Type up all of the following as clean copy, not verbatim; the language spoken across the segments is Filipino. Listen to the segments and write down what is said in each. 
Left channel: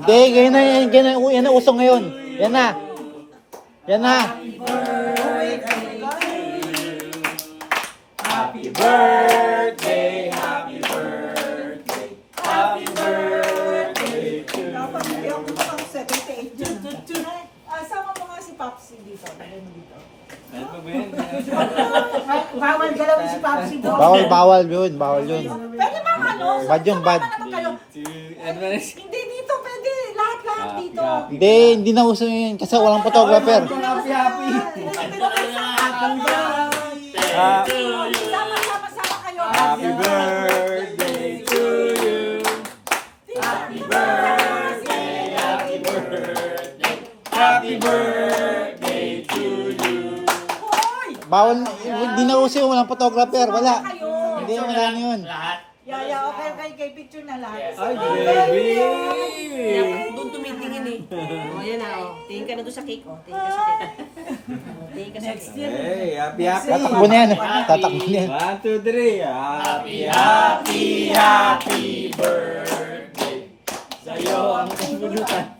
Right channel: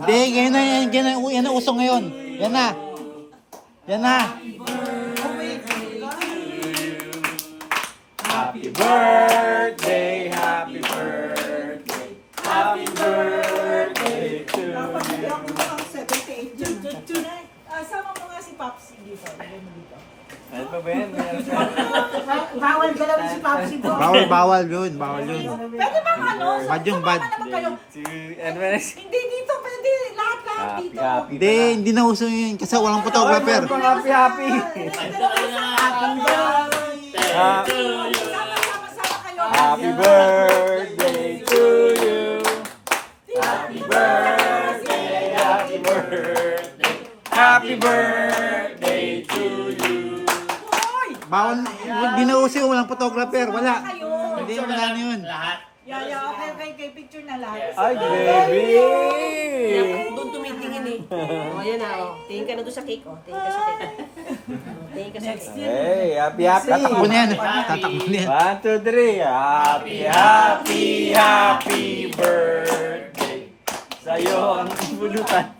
Hindi, yan na usong ngayon. Yan na. Yan na. Happy birthday, happy birthday, happy birthday to you. Dapat hindi ako mukhang 78 dyan. Sama mo nga si Popsi dito. Lagay mo dito. Ano ba yan? Bawal ka lang si Popsi doon. Bawal yun. Bawal yun. Pwede bang ano? Bad yung bad. Sama naman kayo. Ano ba yan? Hindi dito, pwede. Lahat dito. Hindi na uso yun kasi walang photographer. Happy, happy. Sama kayo. Happy birthday to you. Happy birthday, happy birthday, happy birthday to you. Hoy! Bawal, hindi na uso yung walang photographer. Wala. Kayo. Hindi mo na yun. Yeah, okay, picture na lahat. Ay, baby! Doon tumitingin eh. O, yan na, o. Tingin ka na doon sa cake, o. Tingin ka sa cake. Tingin ka sa cake. Hey, happy, happy. Tatakbo na yan. Tatakbo na yan. 1, 2, 3. Happy, happy, happy birthday. Sa'yo ang pulutan.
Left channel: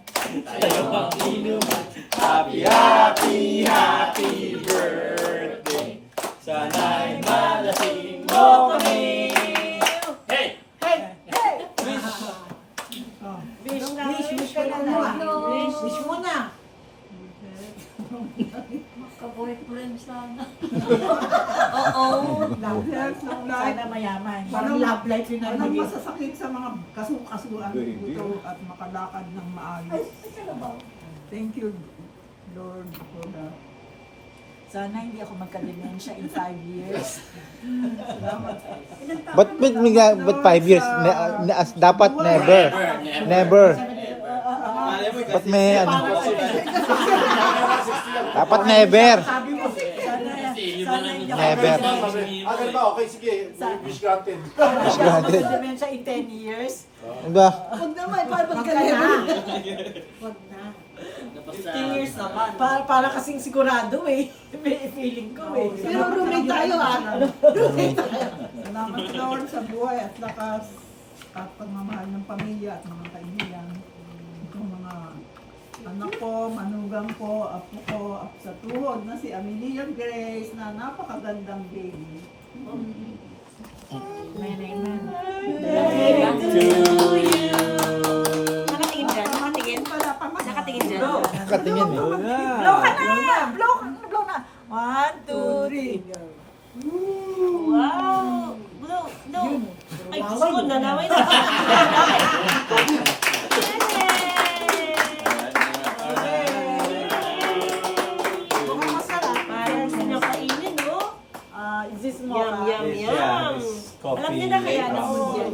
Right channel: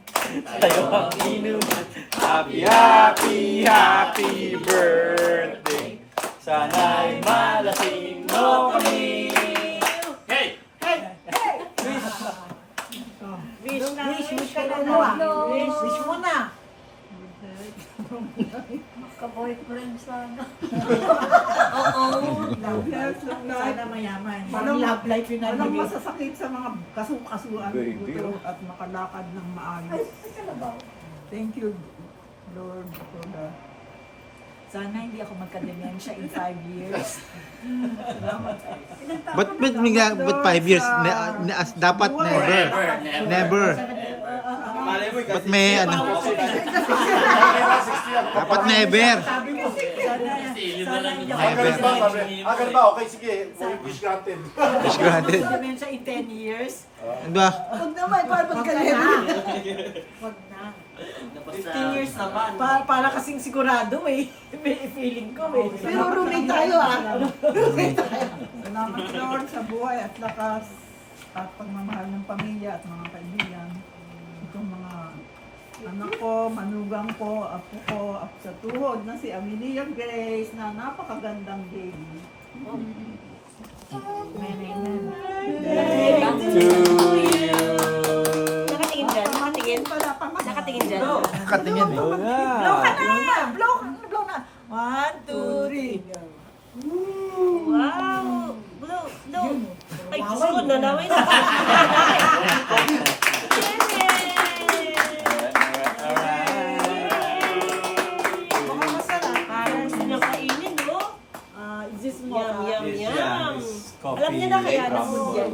Sa'yo ang inuman. Happy, happy, happy birthday. Sana'y malasing mo kami. Wish ka na. Wish mo na. Ka-boyfriend sana. Oo. Sana mayaman. Walang love life yun ang Walang bigay. masasakit sa mga kasukasuan Baby. ito at makalakad ng maayos. Thank you, Lord, for the... Sana hindi ako magka-dementia in 5 years. Ba't 5 years? Dapat never. Never. Ba't may ano? Dapat never. Sabi mo, sana hindi ako Never. Agad ba? Okay, sige. Wish granted. Wish granted. dementia in 10 years. Diba? Huwag naman, para Wag pagkalit. na. Wag na. 15 years naman. Para kasing sigurado eh. May feeling ko eh. Pero roommate tayo Salamat Lord sa buhay at lakas at pagmamahal ng pamilya at mga kaibigan. Itong mga anak ko, manugang ko, apo ko, sa tuhod na si Amelia Grace na napakagandang baby. Amen. To you. Nakatingin dyan. Nakatingin. Nakatingin dyan. Katingin eh. Blow na. Blow ka na! Blow na! 1, 2, 3. Wow. Blow. Blow. Ay, Diyos ko, nanaway na. Mukhang masarap. Parang gusto niya kainin, no? Is this more? Yum, yum, Yes, yum. yeah, it's coffee. Alam niya na kaya na food yan.